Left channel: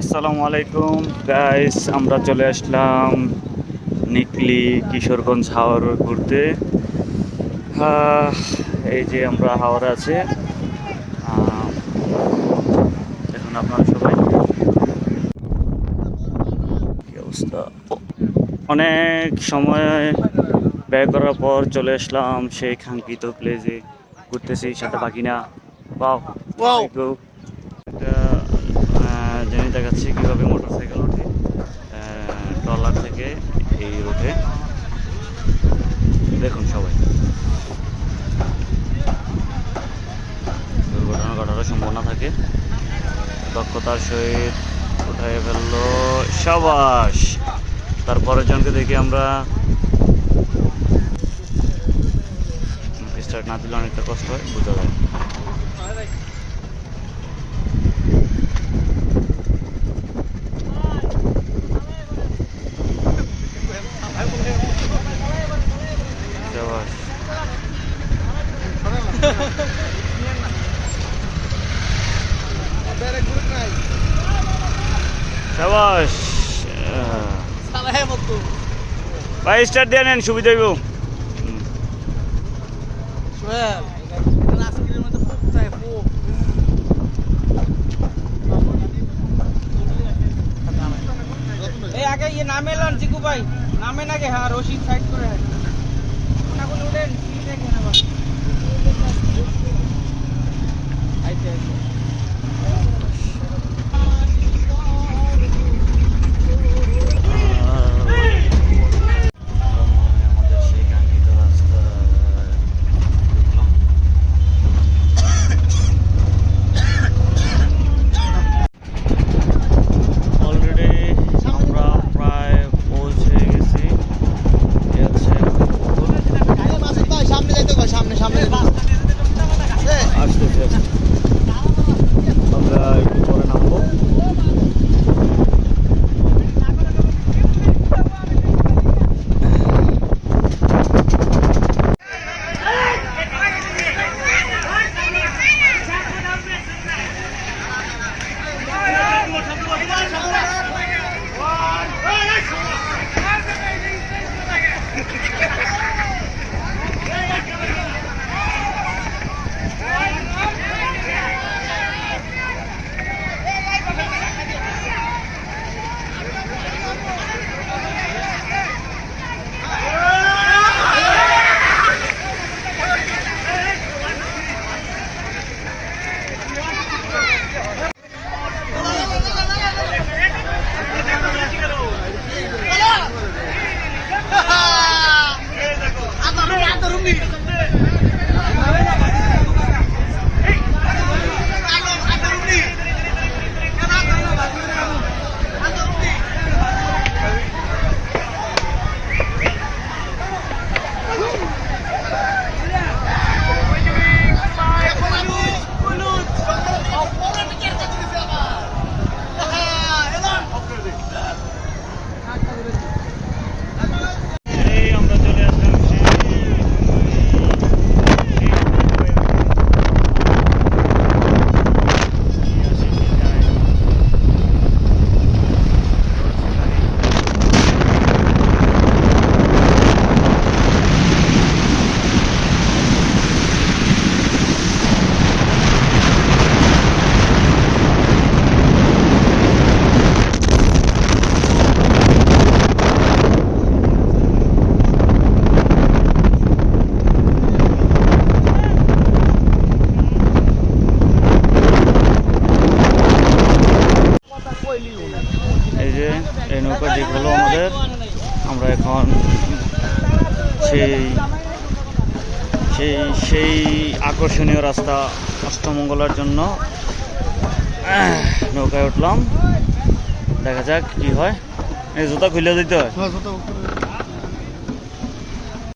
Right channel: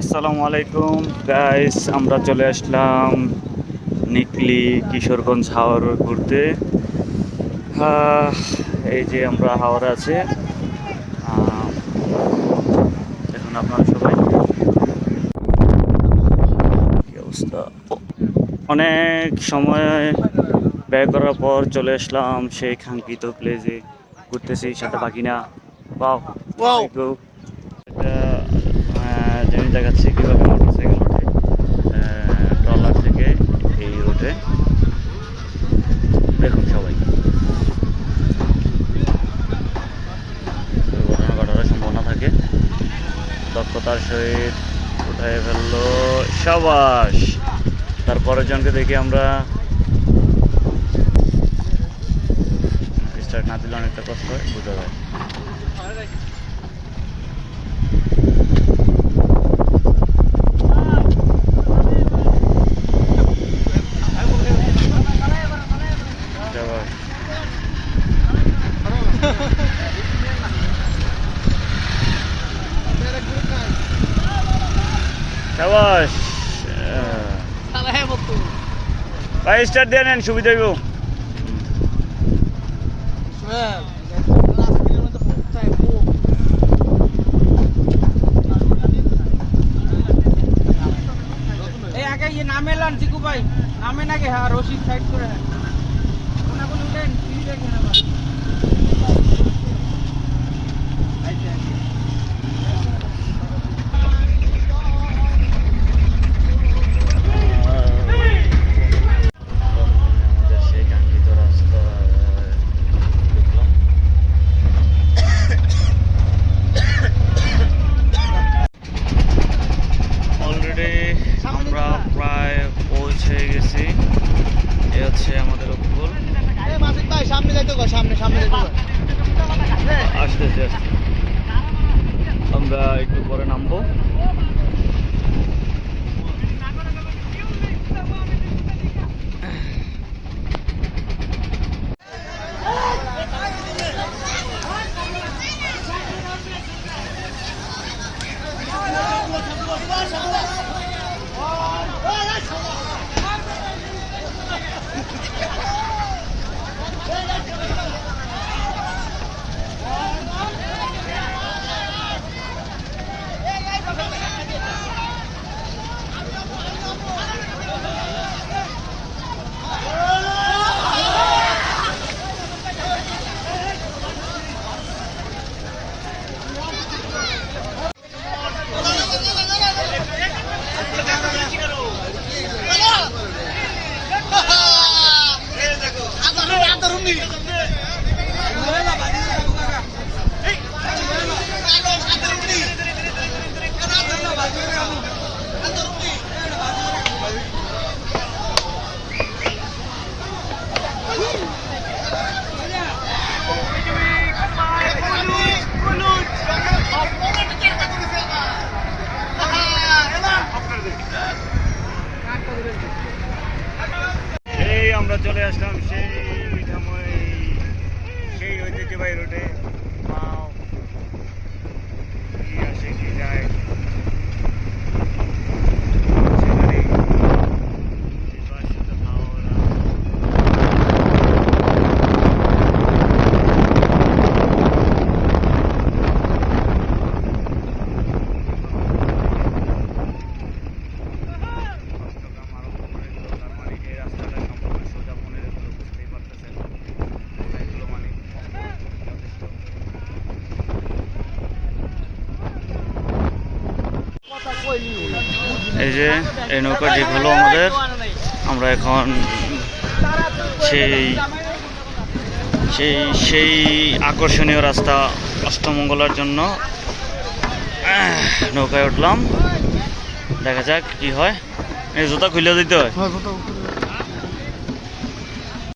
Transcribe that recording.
আসসালামু আলাইকুম গাইস আমরা চলে আসলাম নিকলি কিশোরগঞ্জ হাওর ঘুরতে। এই যে আমরা হাওড়ে আছে। এখন আপনারা সবাই কি অবস্থা? অনেক সময় ব্যয় করার পর চলে আসলাম সেই কাঙ্ক্ষিত প্লেসে ঘুরতেছি সাথে বাকি না. একটা আহ, জিনিস দেখাচ্ছি কীভাবে মোটরসাইকেল ওঠে। ট্রলার থেকে এই রোডে দেখুন সবাই। দুর্ঘটনা ঘটার সম্ভাবনা থাকে। দক্ষতার সহিত উঠায় ফেলল সাবাস। তারপরের জনকে দেখি আমরা। স্টার্ট না দিলে অনেকটা কষ্ট হয় বোঝা যায় সাবাস সাবাস। ভাই স্টার্ট দিয়ে নেন সুবিধা হইব। ইয়ে নামে লান চিকু ভাই। নামে নাকি হ্যাঁ রশিদ সাইড করে। আমাদের আসতেছি আসতে আমরা একটু পরে নামবো। যে এই নৌকা ঠিক হলো আমাদের, আমরা এখন সেই সেই সেই আকর্ষণীয় রাস্তা অষ্টমঙ্গলার জন্য নৌকায় উঠলাম। দেখা যাক কি হয়। এই জুতা খুলে দিতে হয়।